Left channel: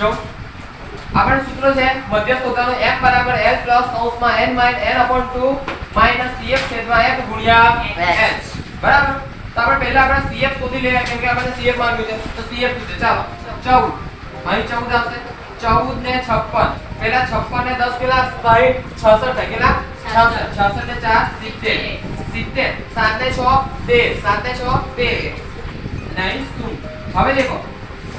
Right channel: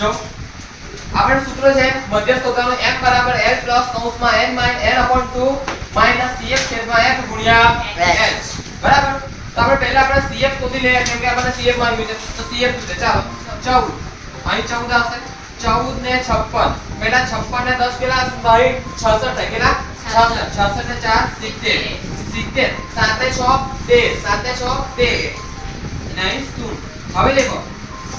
જો આપણે સૂત્ર છે મધ્યસ્થ હોતાનો m બરાબર l પ્લસ કૌંસમાં n minus n upon 2 minus cf છેદમાં f ગુણ્યા h બરાબર. તો આપણે પહેલા આપણે cf શોધી લઈએ કેમ કે આપણને cf માંગ્યું છે તો cf શું છે ચાલો 14 અહીં 14 આવશે 14 ને 56 પહેલા 56 ને 10 કેટલા 66 થાય કેટલા 66 ને 4 70 7 ને 6 13 7 ને 6 13 9 શું હવે દેખો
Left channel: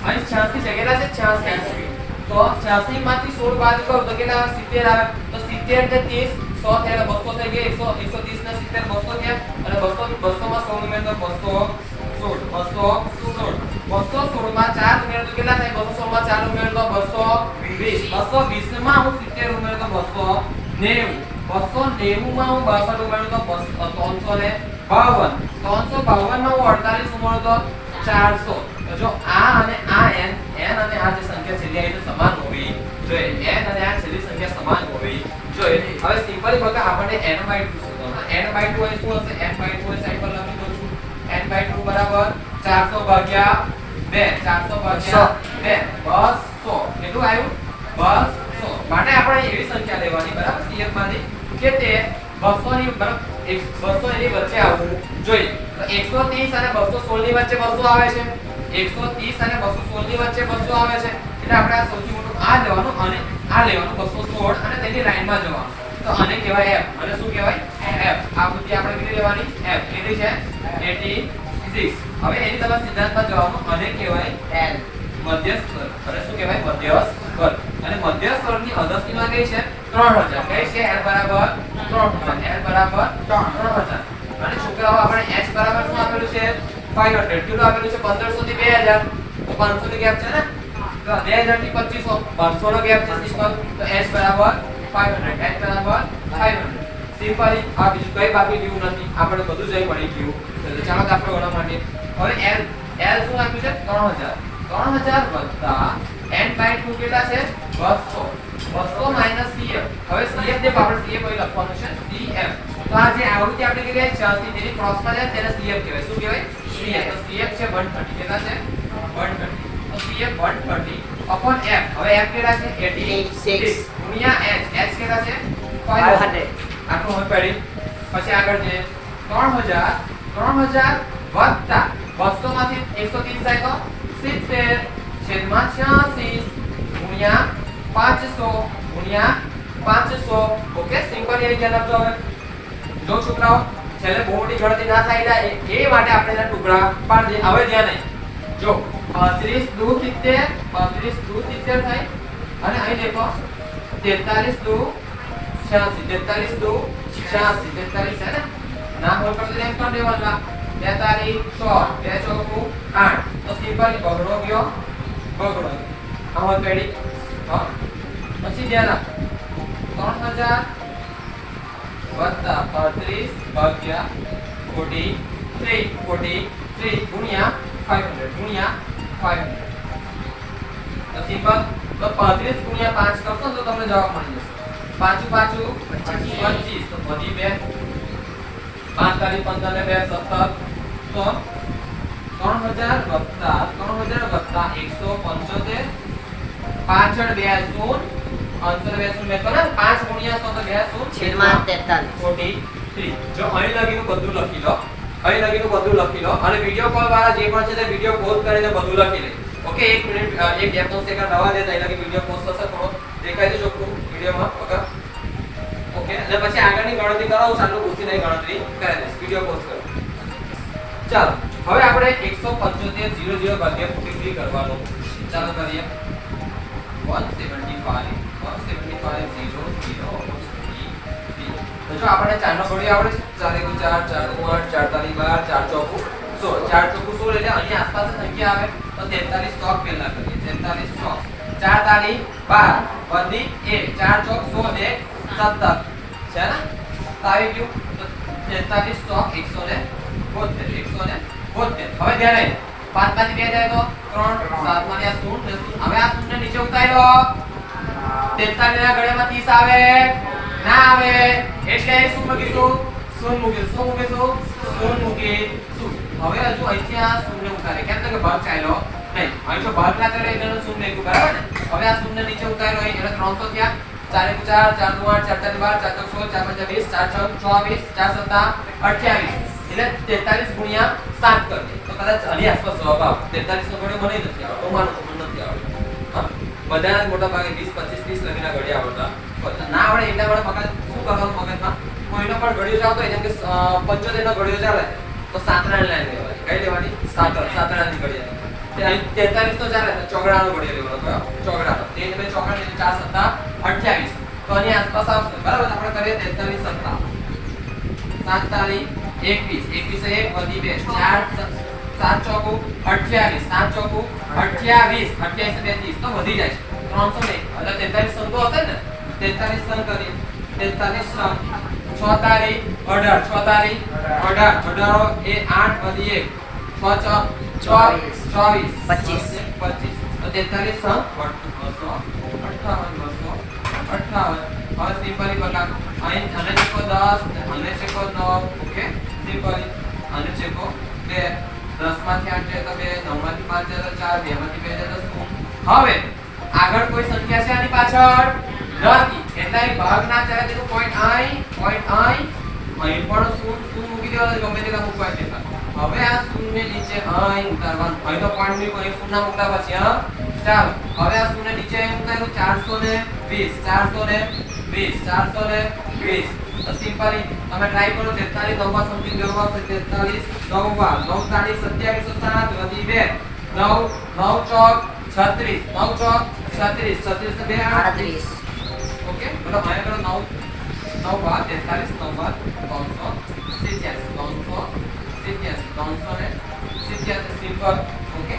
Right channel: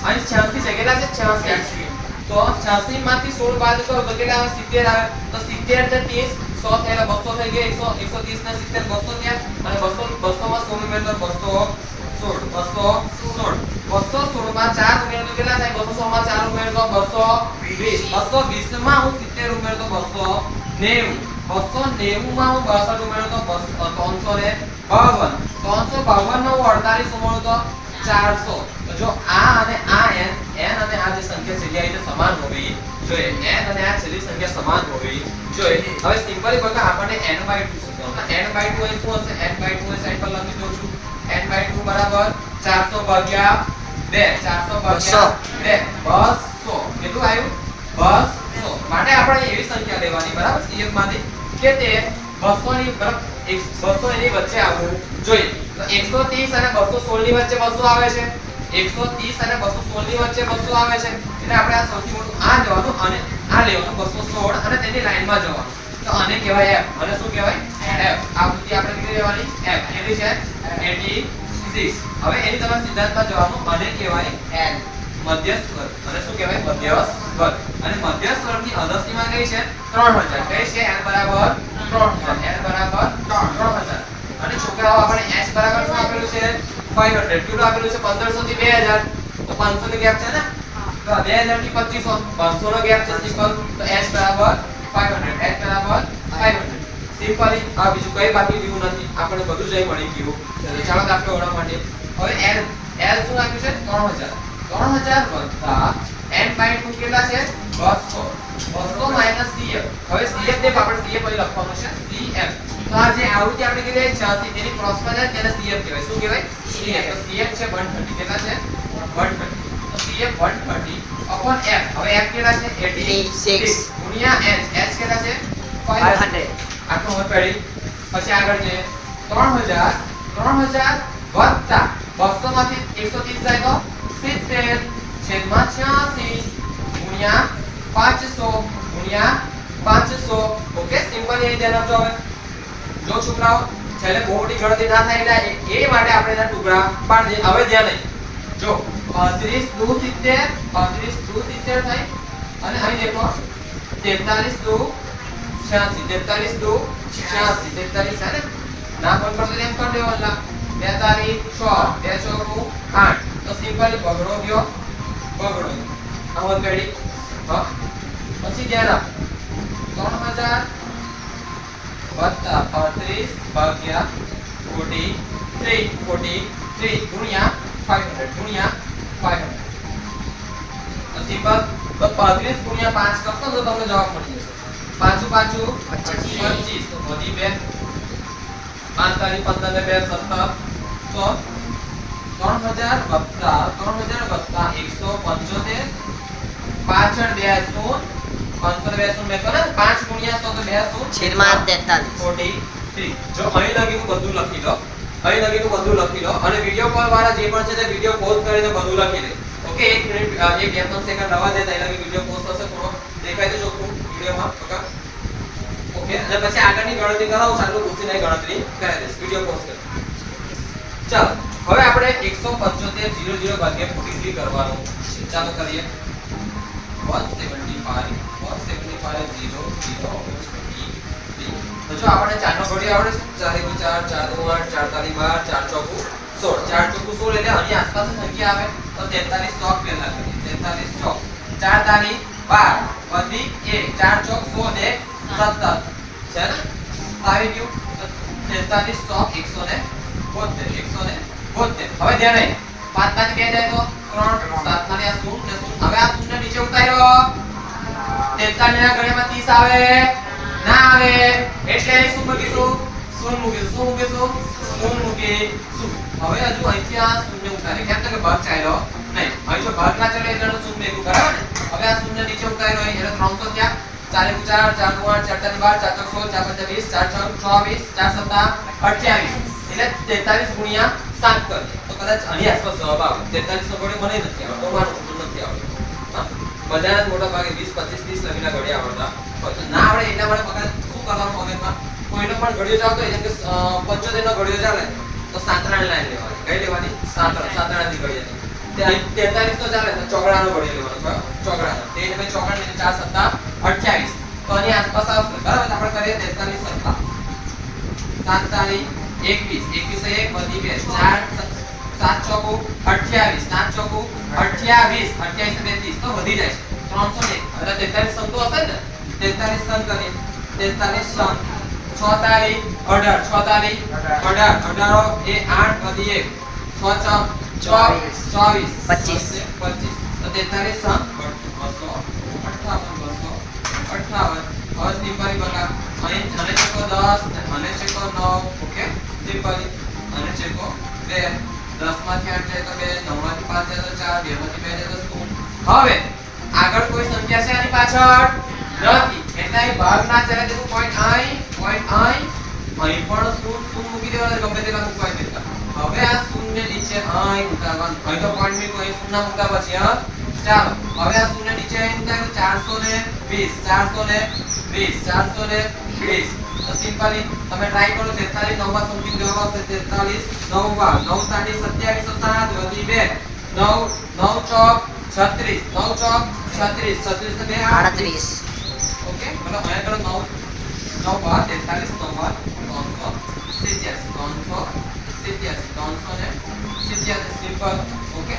અહીં 86 છે કેટલા છે 86 તો 86 માંથી 16 બાદ કરો તો કેટલા આવે 70 આવે તો 70 ને 30 100 થયેલા 200 થઈ ગયા 100 130 ને 70 200 થયા અને 200 માં 16 ઉમેરો તો 216 માં 4 ઉમેરો તો કેટલા થાય 216 માં 4 ઉમેરો તો 220 માં હું 70 ઉમેરો તો 290 માં હું 62 ઉમેરો તો 352 352 માં હું 48 ઉમેરો તો 400. તો જો આ અને આ n અને આ જે સંખ્યા છેલ્લી આવી છે સમાન હોવી જોઈએ n અને આ છેલ્લી સંખ્યા સમાન હોવી જોઈએ. હવે સિમ્પલી બકા આપણને n/2 શોધવાનું n/2 એ શું હશે n/2 એ સાઈડ પર લખી દઉં છું n/2 બરાબર 400 ભાગ્યા 2 કેટલું આવ્યું 200 માટે આપણે એવી સંખ્યા લેવાની બરાબર CF માંથી કે તે 200 ની બરાબર 200 એની વચ્ચે આવવું જોઈએ. તો 130 અને 216 ની વચ્ચે 200 આવે છે 130 અને 216 ની વચ્ચે 200 આવે છે એટલે આપણે આ સૌથી મોટું આ લેવાનું અને આ લેવાનું 216 અને તેની લાઈનમાં જવાનું તો આને કહેવાય f અને શું કહેવાય f. આ બુદ્ધિ આપણે કેટલી લેવાની f કેટલી છે 86. હવે એની તમે સિદ્ધાંતમાં જવાનું આને કહેવાય l મધ્યસ્થ વર્ગ અને શું કહેવાય મધ્યસ્થ વર્ગ અને મધ્યસ્થ વર્ગની અદસ્તીમાં કઈ છે 3000 કઈ છે l બરાબર 3000 અને છોકરાઓ આપણે h બરાબર શું આપેલું છે 500 કેટલું આપેલું છે 1500 થી 2000 તો 500 નો ગેપ છે ને તો 2000 થી 2500 500 નો ગેપ છે સિમ્પલ તો h બરાબર 500 સિમ્પલી આ બીજું કઈ બાકી રહ્યું નથી આપણે બધું જ મળી ગયું. એટલે ચાલો આપણે ઓળખવા માટે હવે l શું આપ્યું છે 3000 વત્તા n/2 કેટલા છે 200 માઈનસ cf. હવે cf દે આપણે cf અહીં લખવાનું છે cf. તો આ જે આવૃત્તિ આપણે કીધી 86 તેની ક્રોસમાં જાય તેને cf કહેવાય. શું કહેવાય cf. તો cf છે 130 કેટલા છે 130 તો cf 130 upon f. હવે f કેટલા છે 86 ગુણ્યા h કેટલા છે 500 આટલું હવે પડી પછી આગળ છે 3000 વત્તા 200 માંથી 130 જાય તો 70 છેદમાં 86 ગુણ્યા 500 ઓકે સિમ્પલ એ ધ્યાન આપજો. હવે જો છોકરાઓ છેલ્લે બહુ મોટી ગણતરી ના થાય એટલે એ માટે આપણે એના ટુકડા પાડી દઈએ. હવે ધ્યાન નહીં જો 35 દુ 70 થાય અને અહીં દેખો 43 દુ 86 છે ને ના હોલ પર તો એમ કરી દેવાના 42 6 2 ચોકુ 8 તો સિમ્પલી બગડો ગયો આ હોલ પેડી હા પછી ધ્યાન આપ 3000 વત્તા 35 ભાગ્યા 43 ગુણ્યા 500 તો સિમ્પલ તો 35 ગુણ્યા 5 કરશો તો તમને જવાબ મળી જશે 5 25 તો વધી 2 5 તારી 15 ને 2 17 તો 3000 વત્તા 175 પાછળ 2 શૂન્ય 502 શૂન્ય તો ને 5 ગુણ્યા 100 તો 2 શૂન્ય છેદમાં 43 43. જો અહીં લગીનું બધું લખી લો અને વિડિયો કોલ વાળા જે પણ છે તે વિડિયો પોઝ કરીને બધું લખી લે. ઓકે 1 મિનિટ 2-3 સેકન્ડ રવા દેતા એટલે વિડિયો પોઝ થશે થોડો દેખાય છે ચોખ્ખું વિડિયોમાં ઓકે અને પછી આગળની ગણતરી કરાવો ચાલુ પૂછીને ગણતરી કરી દઈશ વિડિયો પોઝ કરો. ચાલો હવે આપણે 175 00 ભાગ્યા 43 કરવાનું ચાલો કરીએ 175 તો જો આપણે 4 નો ઘડિયો આવડે છે 4 * 4 4 * 8 4 * 12 4 ચોકુ 16 એટલે આની આસપાસ સંખ્યા આવે તો 43 ચોક પહેલા કરીએ 43 ચોક 4 તારી 12 વધી 1 4 ચોક 16 ને 17 છે ને આવી ગયું તો 43 ચોક 172 હવે ધ્યાન રહે 5 માંથી 2 જાય તો 3 7 માંથી આ 0 ને 0 હવે આ 0 ને નીચે ઉતાર્યો 43 ના ગણ્યામાં 30 આવે ના આવે એટલે શું મૂકીશું શૂન્ય મૂકીશું હવે હજુ અહીંથી આ શૂન્ય ઉતારે કેમ કે ભાગ ચાલ્યો નહીં હવે જો ભાગ ના ચાલે એટલે શૂન્ય મૂકું બરાબર ને હવે હવે આ શૂન્ય નીચે ઉતાર્યો અહીં એટલે 300 થયા 4 × 4 4 × 8 4 × 12 4 × 16 4 × 20 4 × 24 4 × 7 28 એટલે 43 × 7 કરીએ તો કદાચ આની આસપાસ જવાબ આવે 43 નો ઘડિયો મને નથી આવડતો માનું તો નથી આવડતો હા બધાના મોટા ભાગે 20 25 30 લગીના ઘડિયા આવડતા ના આવડે એટલા માટે મગજ શું કરવાનું મગજમાં કોઈનો પણ ઘડિયો ચાલતો હોય જેમ કે 75 નો ઘડિયો ચાલે તો સાતરાણ લાઈન લેવાની કઈ લેવાની સાતરાણની ઘડિયા તે અહીં 43 તો ચાલે તો ચોગડાનો ઘડિયો લેવાનો બરાબર ચોગડાનો તે એટલે ચોગડા 4 × 7 28 તો આની આસપાસ આવશે બરાબર આપણે કરીએ 43 7 7 તારી 21 21 1 વધી 2 4 7 ચોકુ 28 7 ચોકુ 28 28 ને 30 તો વધી જાય છે 300 ને એટલે 43 સમ તો હશે ને 43 સમ કરીએ 43 સમ 6 તારી 18 6 તારી 18 એ 8 વધી 1 6 ચોક 24 25 25 તો 43 સમ 258 હવે સિમ્પલી બકા અહીં આને ચેકો 10 આને ચેકો 9 ઓકે સિમ્પલી આને ચેકો 13 10 માંથી 8 જાય તો 2 9 માંથી 5 જાય તો 4 2 માંથી 2 જાય તો 0 હવે આગળ કોઈ સંખ્યા છે આની પાછળ નથી એટલે એ ભાગ ના ચાલે તો પોઈન્ટ અહીં અહીં પણ શું મૂકી દેવાનો ગમે તેટલા મૂકવા દેતા હવે આ શૂન્ય નીચે અહીં ઉતારવાનું અહીં તો પોઈન્ટ ની કોઈ શૂન્ય મૂકતા પછી હા ચાલો હવે આ શૂન્ય નીચે અહીં ઉતાર્યું 420 420 સિમ્પલી તમે ટ્રાય કરો 43 નંબર સમથિંગ જવાબ આવશે 43 9 તારી 27 7 વધી 2 9 9 ચોક 36 9 ચોક 36 36 ને 2 38 ओके मतलब मैं करो 9 9 बार 43 9 बार 387 सिंपल ओके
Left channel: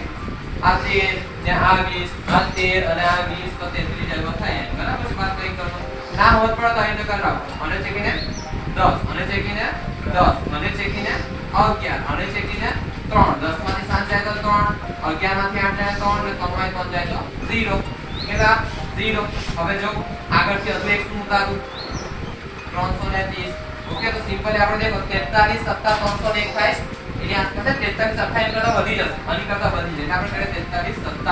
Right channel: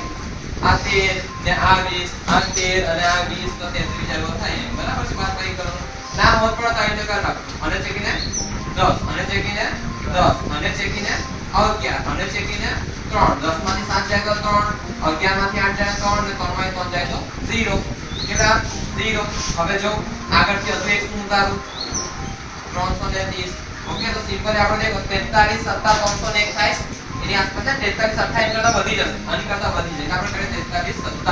आ 13 ने आ 20 आ 13 અને આ 20 તો 33 જેવો થાય બરાબર છે વાત કઈ કરો ના હોત પડે તો એને કર રાખો અને ચેકીને 10 અને ચેકીને 10 અને ચેકીને 11 અને ચેકીને 3 10 માંથી 7 જાય તો 3 11 માંથી 8 જાય તો 3 ને 3 માંથી 3 જાય તો 0 કેટલા 0 હવે જો આગળથી હજુ એક શું ઉતારું 330 ઓકે તો સિમ્પલી આપણે જે 43 7 301 થાય એની આસપાસ 43 28 કરતા વધી જશે આની કરતા વધી જાય આપણે કરીએ 43 7 તો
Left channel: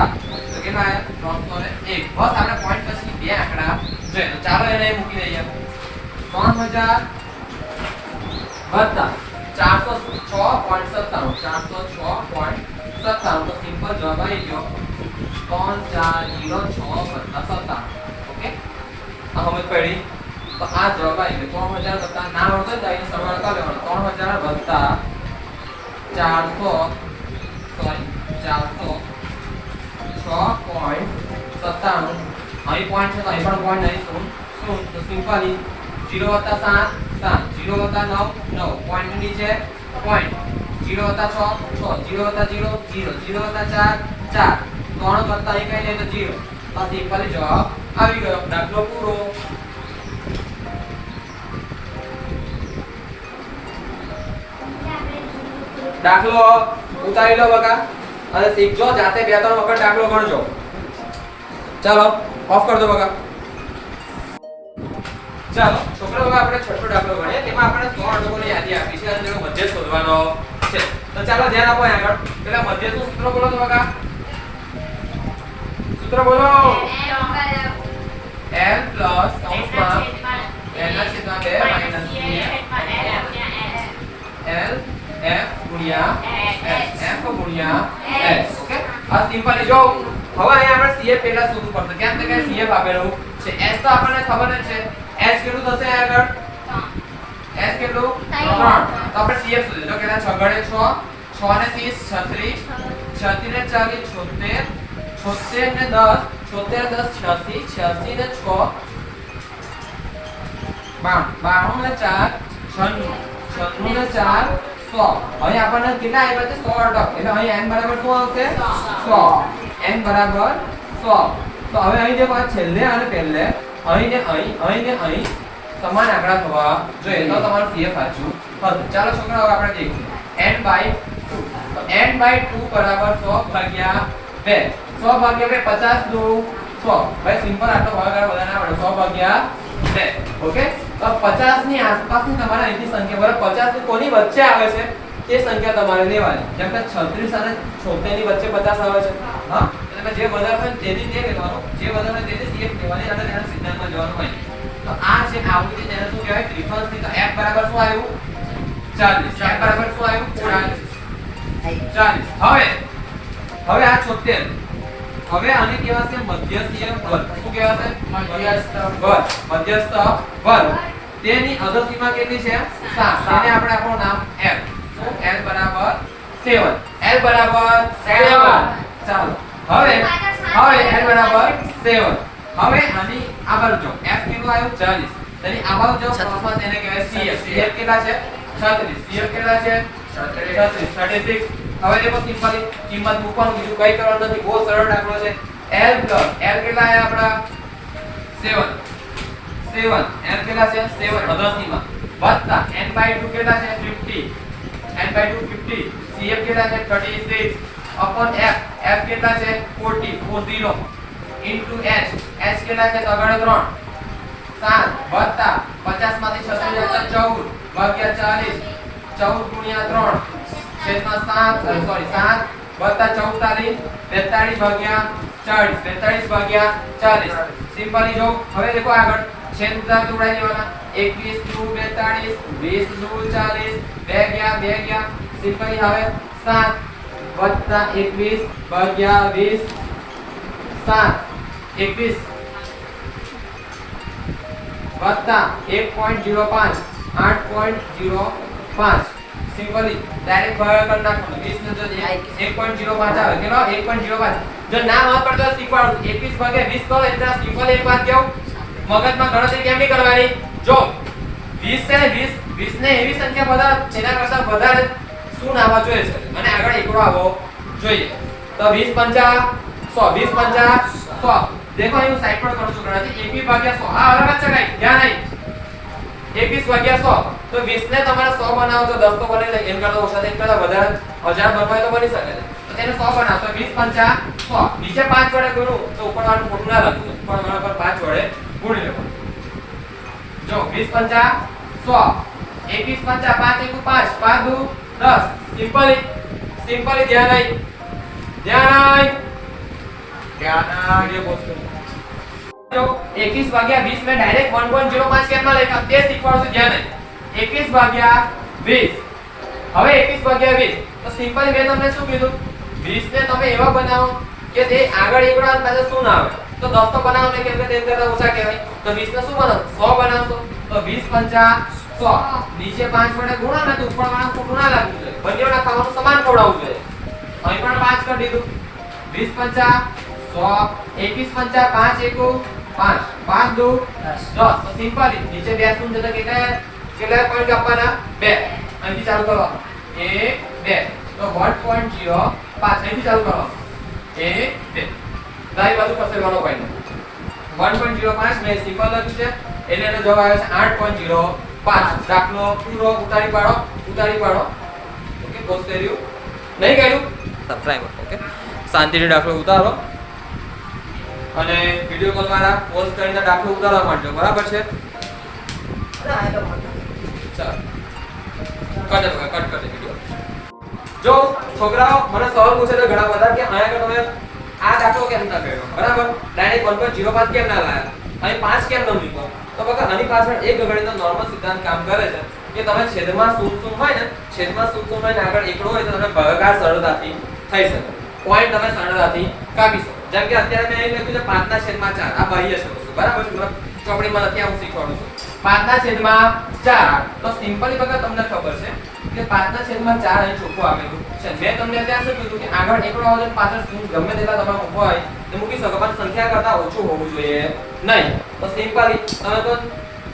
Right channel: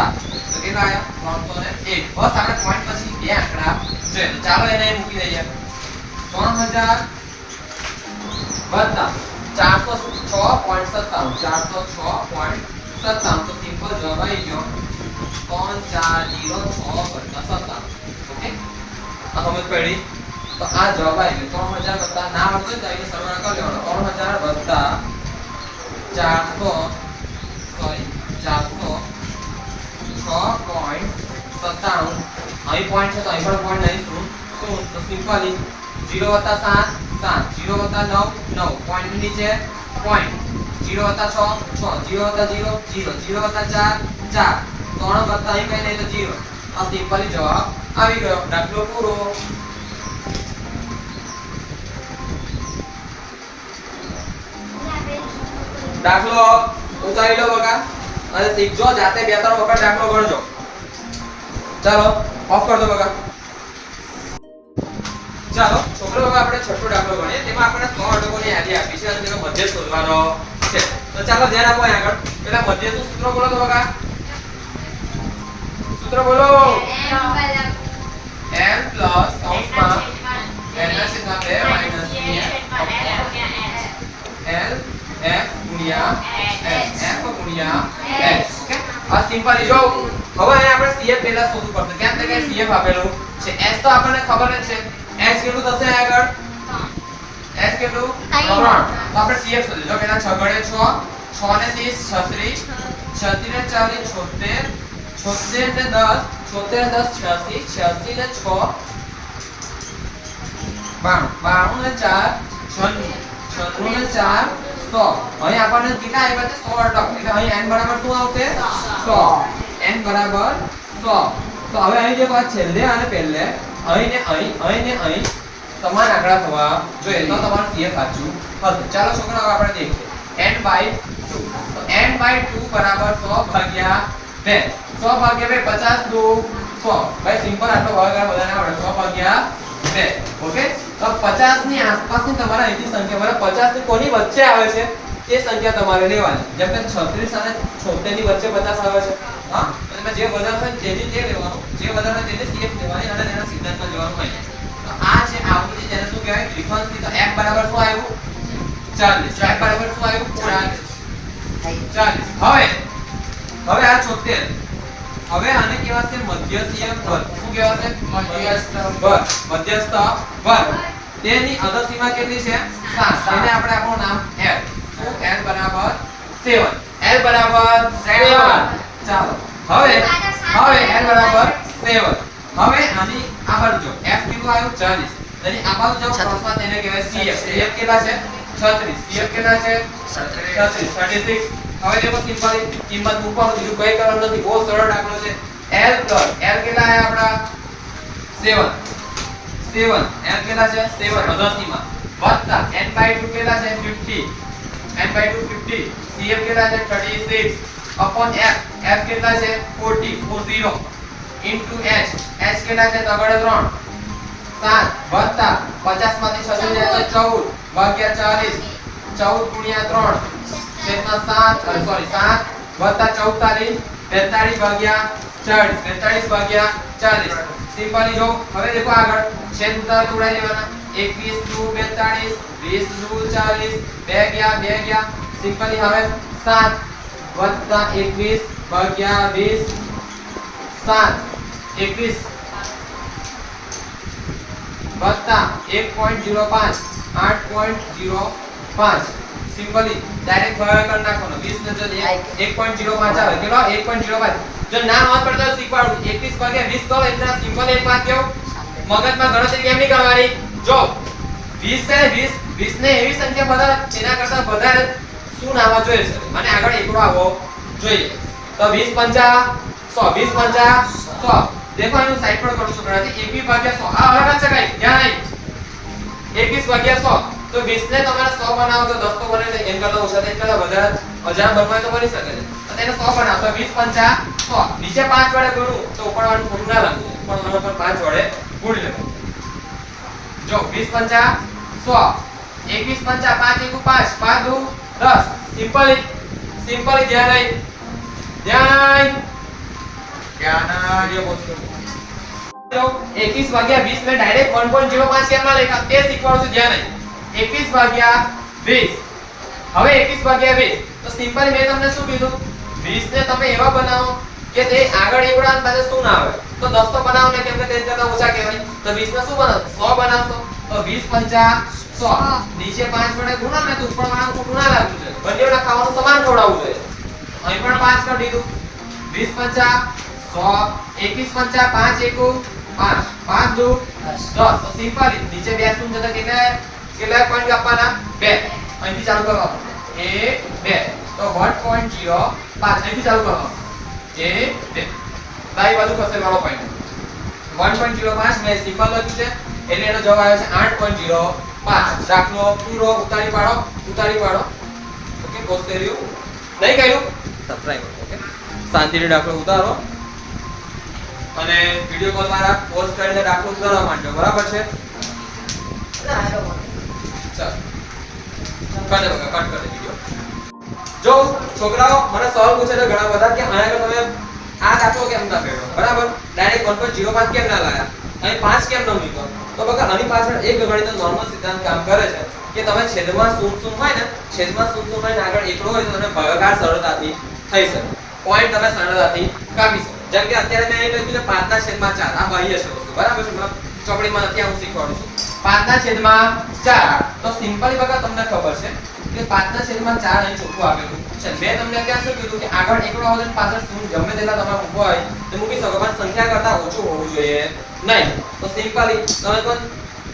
કેટલા આયા 301 બસ આપણે પોઈન્ટ પછી બે આંકડા જોઈએ તો ચાલો એને મૂકી દઈએ 3000 વત્તા 406.97 406.97 તો સિમ્પલ જવાબ આવી ગયો 3406 ઓકે આ સમજ પડી તો આ જવાબ આવી ગયો 3000 વત્તા ના આવડે તો અહીં સરવાળો કરી લેવાનો 3000 વત્તા 400 સોરી 406.97 અહીં પોઈન્ટ છે તો અહીં પણ પોઈન્ટ નહીં શું તો સિમ્પલી 0 વત્તા 7 7 0 વત્તા 9 9 પોઈન્ટ નીચે પોઈન્ટ 0 વત્તા 6 6 0 વત્તા 0 0 0 વત્તા 4 4 3 વત્તા અહીં કઈ નહીં તો 0 આ સિમ્પલી જવાબ આવી ગયો દાખલો પૂરો દાખલો ઉતારી લો બકા અને શીખજો જાતે બે ત્રણ વખત દાખલો ગણજો ચાલો ઓફ કર દો બકા ચાલો છોકરો બકા આપણે છઠ્ઠો દાખલો ગણીએ તેમાં આપણે 100 અટકોની યાદી આપી છે અને તેનો મધ્ય શોધવાનો છે તો ચાલો ધ્યાન આપો આગળ પેલા મધ્યનું સૂત્ર બોલો તો બકા સૂત્ર બોલો n પ્લસ કૌંસમાં n ના છેદમાં 2 માઈનસ l f ગુણ્યા f ગુણ્યા s ઓકે આ સિમ્પલી જો હવે અહીં આપણે cf પહેલા શોધવું પડશે કેમ કે cf આપેલું છે s તો આપણને ખબર જ છે s કેટલું થશે આગળ s કેટલું 3 તો આપણે cf શોધીએ જો કેટલા 6 ગણે 6 6 ને 30 36 36 ને 40 76 ને 10 76 ને 10 86 86 ને 6 92 ને 4 96 96 ને 4 100 અહીં આપણને કેટલા આવ્યા છે 100 અટક એટલે અહીં n બરાબર શું આવશે 100 n બરાબર 100 તો હવે અહીં જે વાત છેલ્લે અને પહેલે અહીં ને અહીં સમાન આંકડા થવા જોઈએ તો તમારું CF સાચું હશે ચાલો છોકરાઓ આપણે દેખીએ n બાય 2 તો n બાય 2 બરાબર 100 ભાગ્યા 2 100 ભાગ્યા 2 50 દુ 100 ભાઈ સિમ્પલ આટલો ભાગાકાર બધાને આવડે 100 ભાગ્યા 2 ઓકે તો 50 ની આસપાસની તમારે અહીંથી સંખ્યા બરાબર 50 ની કોની વચ્ચે આવે છે તે સંખ્યા તમારે લેવાની જેમ કે 36 અને 76 ની વચ્ચે 50 આવે છે હા એટલે એમાં જે વધારે હોય તેની તે લેવાનું, જે વધારે હોય તેને CF લેવાની અને તેના સિદ્ધાંતમાં જવાનું હોય. તો આ છે આકૃતિ, જેને શું કહેવાય ફ્રીક્વન્સી. તો f બરાબર શું આવ્યું 40. f બરાબર શું આવ્યું 40. હવે આ 76. હવે આને કહેવાશે મધ્યસ્થીય વર્ગ. શું કહેવાશે? મધ્યસ્થ વર્ગ. મધ્યસ્થ વર્ગ. તેની અધર સીમા કેટલી છે? 7. તેને આપણે આપણું નામ L. શું? L બરાબર 7. L બરાબર 7. ચાલો હવે L બરાબર 7. હવે આની આ બાજુ જો f કેટલું આવ્યું 40. તેની આ બાજુ જો કૌંસમાં તેને કહેવાય CF. CF કેટલા છે? 36. CF કેટલા છે? 36. હવે દેખો સિમ્પલી કિંમત મૂકવાનું, બીજું કઈ કરવાનું નથી, બહુ સરળ દાખલો છે. L કેટલા આયા આપડા 7. L કેટલા છે? 7 અધરસીમાં વત્તા n/2 કેટલા છે? 50. n/2 50. CF કેટલા છે? 36 upon f. f કેટલા છે? 40 into h. h કેટલા છે? તો આગળ 3 7 વત્તા 50 માંથી 36 જાય તો 14 ભાગ્યા 40. 14 ગુણ્યા 3 છેદમાં 7 વત્તા 44 45 ભાગ્યા 40. 45 ભાગ્યા 40. સિમ્પલી જો હવે દેખો આગળ છેદ ઉતાર તો ઉડાઈ દેવાના. 21 નું 42 20 નું 40 2 ગયા. સિમ્પલી હવે 7 વત્તા 21 ભાગ્યા 20 7 21 વત્તા 1.05 8.05. સિમ્પલી ડાયરેક્ટ ભાગાકાર નાખવાનો. 20 ને જો 1.05 આવે કેટલો? 1.05. જો ના નોંધ પડતો શીખવાડું 21 ભાગ્યા 20 કરો એટલે સિમ્પલ એક વાત કહું, મગજમાં ગણતરી કેમ નહીં કરવાની. જો 20 છે 20 ને એવી સંખ્યા બધા તેના કરતા વધારે શું આવવા જોઈએ છે અને આગળ એકડો આવવો જોઈએ. તો 20 પંચા 100. 20 પંચા 100. देखो અહીં સાઈડ પર કરું છું ગણતરી 21 ભાગ્યા 100. આ અલગ જ છે કઈ ધ્યાન નહીં. 21 ભાગ્યા 100 તો 20 ને તમારે 100 બનાવો તો 10 તો બને નહીં, એમ કરતા ઓછા થાય કરતા વધારે 1000 બનવાય તો બની શકે છે. તો તેને 100 બનાવો તો 20 પંચા 100. નીચે 5 વડે ગુણું તો ઉપરવાળું ખોટું ના લાગવું, ઉપરવાળું પર 5 વડે ગુણી લેવું. જો 20 પંચા 100. 21 પંચા 5 * 5 5 દુ 10. સિમ્પલી ધ્યાન નહીં ये बोलते हैं तो 21 भाग्या 20 में डायरेक्ट 1.05 केम માં લખ્યા તે શીખવાડું છું ધ્યાન નહીં. 21 ભાગ્યા 20. હવે 21 ભાગ્યા 20 તો સિમ્પલી મેં તમને શું કીધું 20 ને તમે એવા બનાવો કે તે આગળ એકડો અને પાછળ શું ના આવે. તો 10 તો બનાવો ને કેમ કે તે કરતા ઓછા કહેવાય. તો 20 ને શું બનાવો 100 બનાવશો તો 20 પંચા 100. નીચે 5 વડે ગુણો ને તો ઉપર વાળા ખોટું ના લાગવું જોઈએ, બંનેના ખાવાનું સમાન ખવડાવવું જોઈએ. અહીં પણ 5 કરી દીધું. 20 પંચા 100. 21 પંચા 5 * 1 5 5 દુ 10. તો સિમ્પલી નીચે બે શૂન્ય જતા કેટલા પોઈન્ટ આપવાના 2. અહીંથી ચાલુ કરવાનું 1 2 તો 1.05 અહીંથી ચાલુ કરવાનું 1 2 દાઈ બાજુ ખસેડવાનો પોઈન્ટ 1.05 મેં સિમ્પલ લખ્યું છે એટલે એનો જવાબ આવે છે 8.05. દાખલો પૂરો ઉતારી પાડો. ઓકે પોસ્ટ કર્યું નહીં કર્યું સબસ્ક્રાઇબ. ઓકે શાંતિથી દાખલો ઉતારો અને વિડિયો કોલ દ્વારા પોસ્ટ કરીને દાખલો ઉતારવા માંડજો, બરાબર છે? ચાલો કટ કરી વિડિયો. જો છોકરાઓ મને સવાલ પૂછે છે ઘણા બધા કે અહીંયા તમે આ દાખલો કેમ ના કર્યો, બરાબર? ડાયરેક્ટ 1.05 કેમ ના લાયા, અહીં 5 કેમ ન મૂક્યો? તો બકા આની પાછળ એક ગણિતનો નોર્મલ સિદ્ધાંત કામ કરે છે કે તમે છેદમાં શૂન્ય હોય ને, છેદમાં શૂન્ય હોય ને આગળ એકડો હોય તો તમે ભાગાકાર સરળતાથી થઈ શકે, પોઈન્ટ તમે સરળતાથી કાપી શકો. જેમ કે અત્યારે મેં અહીં લખ્યું છે 5/4. આ બાહ્ય છે વસ્તુ, બરાબર છે? મતલબ ચોપડીમાં નથી, હું શીખવાડું છું 5/4. તો સિમ્પલી બકા તમને ખબર છે કે 5/4 અહીં ચોખ્ખું આપેલું છે. મેં તમને ત્યાં શું કીધું કે આગળ એકડો હોય તો પાછળ શૂન્ય ગમે તેટલા તમે મૂકો હોય તો મૂકી શકો, પણ સંખ્યા કરતા ઓછું હોવું જોઈએ નહીં. તો સિમ્પલી તમે તો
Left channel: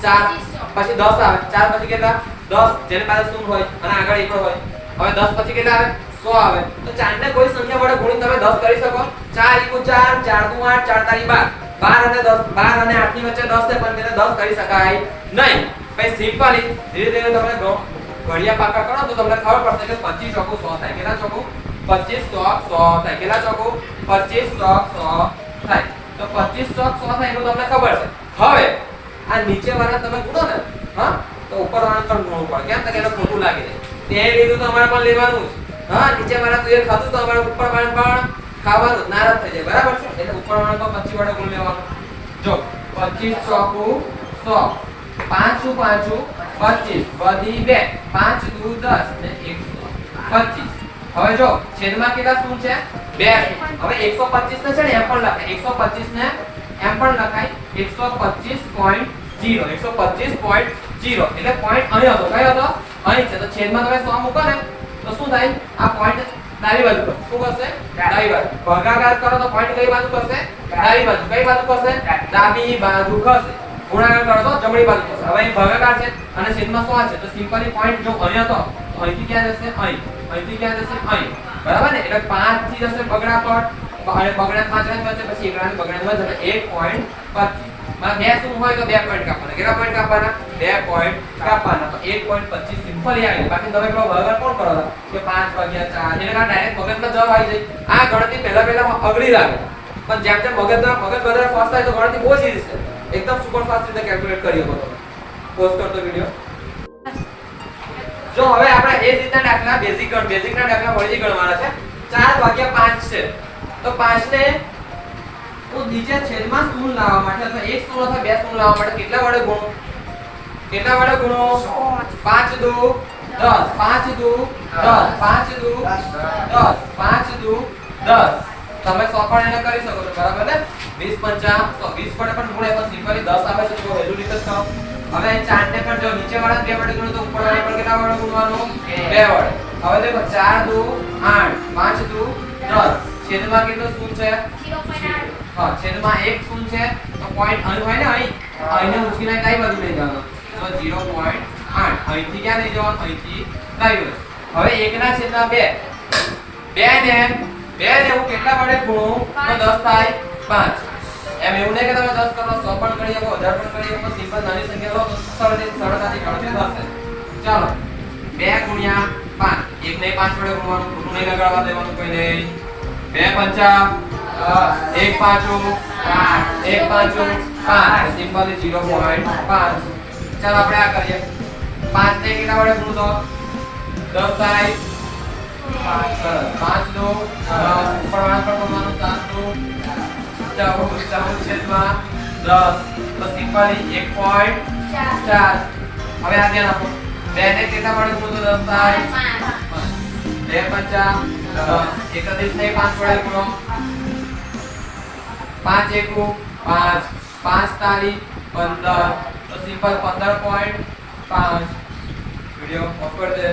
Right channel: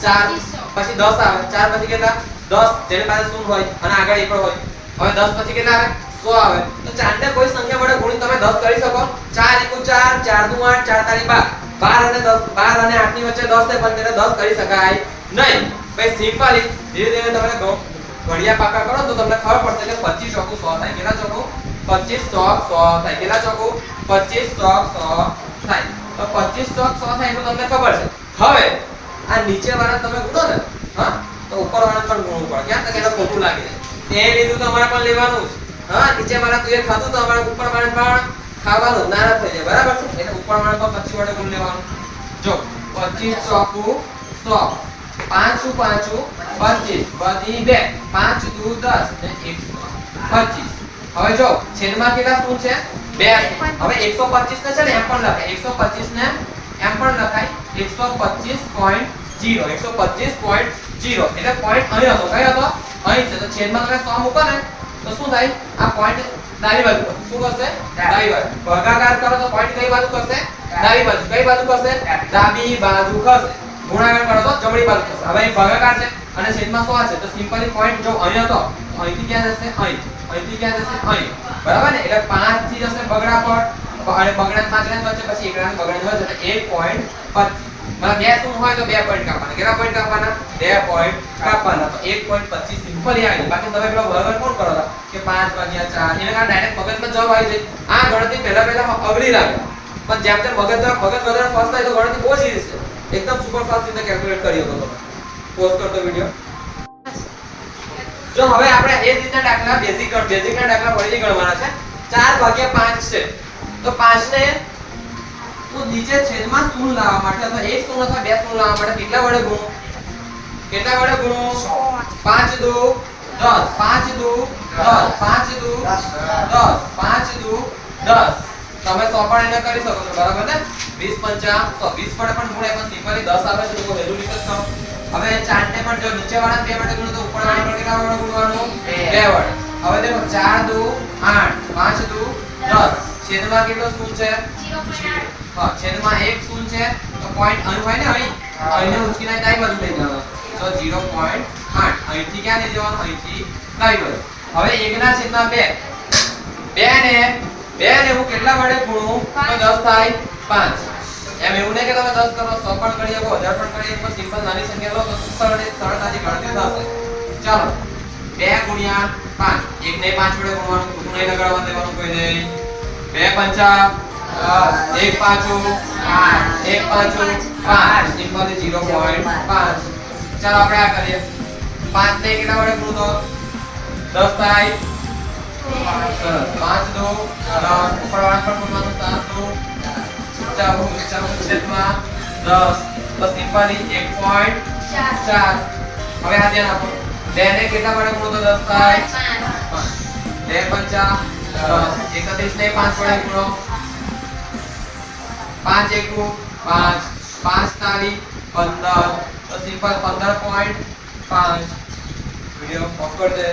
4 પછી 10 આવે, 4 પછી કેટલા 10 જેને પાસે શૂન્ય હોય અને આગળ એકડો હોય. હવે 10 પછી કેટલા આવે 100 આવે. તો 4 ને કોઈ સંખ્યા વડે ગુણી તમે 10 કરી શકો. 4 * 4 4 * 8 4 * 12 12 અને 8 ની વચ્ચે 10 છે પણ તેને 10 કરી શકાય નહીં. પછી સિમ્પલી ધીરે ધીરે તમે ઘડિયા પાકા કરો તો તમને ખબર પડશે કે 25 ચોકુ 100 થાય. કેટલા ચોકુ 25 ચોક 100 થાય. કેટલા ચોકુ 25 ચોક 100 થાય. તો 25 ચોક 100 થાય એટલું તમને ખબર છે. હવે આ નીચે વાળા તમે ગુણો ને, હા, તો ઉપર વાળા પણ ગુણવું પડે. કેમ કે એને ખોટું લાગે છે તે લીધું તમારે પણ લેવાનું જ. હા, નીચે વાળા તું એ ખાધું તો અમારે ઉપર વાળા પણ ખાવાનું ના રદ થઈ જાય બરાબર છે એટલે ઉપરવાળો તો 25 વડે ગુણ લેવાનો જો 25 ચોકુ 100 5 શું 5 25 વધી 2 5 દુ 10 ને 125 હવે જો છેદમાં કેટલા શૂન્ય છે 2 હવે 125 ને છે ને એમ પણ લખાય 125 ને એમ પણ લખાય 125.0 125.0 એટલે પોઈન્ટ અહીં હતો કયો હતો અહીં છે તો છેદમાં તમે 100 મૂકો ને તો શું થાય આ પોઈન્ટ ડાબી બાજુ શું કરશે ડાબી બાજુ ભાગાકાર કરો તો પોઈન્ટ કઈ બાજુ કરશે ડાબી બાજુ કઈ બાજુ કરશે ડાબી બાજુ કરશે ગુણાકાર કરો તો જમણી બાજુ કરશે હવે અહીં ભાગાકાર છે અને છેદમાં 100 છે તો સિમ્પલી પોઈન્ટ જો અહીં હતો અહીંથી ક્યાં જશે અહીંથી ક્યાં જશે અહીં બરાબર ને એટલે 5 થી જશે બગડા પર અને બગડા 5 ને વચ્ચે પછી એકડાની બગડાની વચ્ચે એટલે 1.25 માં બે શું હોય તો 2 પોઈન્ટ કાપવાના કેટલા પોઈન્ટ કાપવાના 2 પોઈન્ટ કાપવાના તો 1.25 સિમ્પલી આવી બાકી તમે પેલો ભાગાકાર કોણ કરો કે 5 ભાગ્યા 4 એટલે કા ડાયરેક્ટ મગજમાં જવાબ આવી જાય આ ગણતરી પહેલા અઘરી લાગે પણ જેમ જેમ મગજ વધારે ફાસ્ટ થાય તો ગણતરી બહુ ઈઝી છે એકદમ સુપર ફાસ્ટ રીતે કેલ્ક્યુલેટ કરી શકો તમે પોઝ કરતો વિડિયો જો હવે આપણે એ જ રીતના દાખલા બેઝિક ના દાખલા વળી ગણવાના છે 4 ભાગ્યા 5 છે તો 5 ને તો નીચે છેદમાં શૂન્ય લાવવા માટે અથવા એક શૂન્ય અથવા બે શૂન્ય લાવવા માટે કેટલા વડે ગુણો 5 દુ 10 5 દુ 10 5 દુ 10 5 દુ 10 તમે 100 પણ એને કરી શકો છો બરાબર ને 20 50 100 20 વડે પણ ગુણાય પણ સિમ્પલી 10 આવે છે તો વેલ્યુ નીકળ થાવ હવે 4 ને પણ જો નીચે વાળા 2 વડે ગુણો તો ઉપર વાળા પર કેટલા વડે ગુણવાનું 2 વડે હવે દેખો 4 દુ 8 5 દુ 10 છેદમાં કેટલો શૂન્ય છે હા છેદમાં એક શૂન્ય છે તો પોઈન્ટ અહીં હોય ને અહીંને ઉંચકીને કઈ બાજુ લઈ જવાનો તો 0.8 અહીંથી ક્યાં લઈ જવાનું અહીંથી કઈ બાજુ હવે 1 ના છેદમાં 2 2 ને હું કેટલા વડે ગુણું તો 10 થાય 5 એમ એવું નહીં કે તમે 10 કરો 100 પણ કરી શકો 1000 પણ કરી શકો સિમ્પલ નાની સંખ્યા લો તો સરળતાથી ગણતરી થશે ચાલો 2 ગુણ્યા 5 1 ને 5 વડે ગુણવાનું ખોટું નહીં લગાડવા દેવાનું કોઈ નહીં 2 પંચા 1 પાંચું 1 પાંચું 5 સિમ્પલી 0.5 ચાલો આપણે આ કરીએ 5 ને કેટલા વડે ગુણો 10 થાય 5 દો 10 ઉપરવાળા પર ગુણવાનું 7 દો 14 છેદમાં 10 તો સિમ્પલી 1.4 હવે આ ધ્યાન આપો 2 ને કેટલા વડે ગુણો તો 10 થાય 2 પંચા 31 ને 5 વડે ગુણો 5 એકુ 5 5 તારી 15 તો સિમ્પલ 15.5 વિડિયો ઓફ કરી દે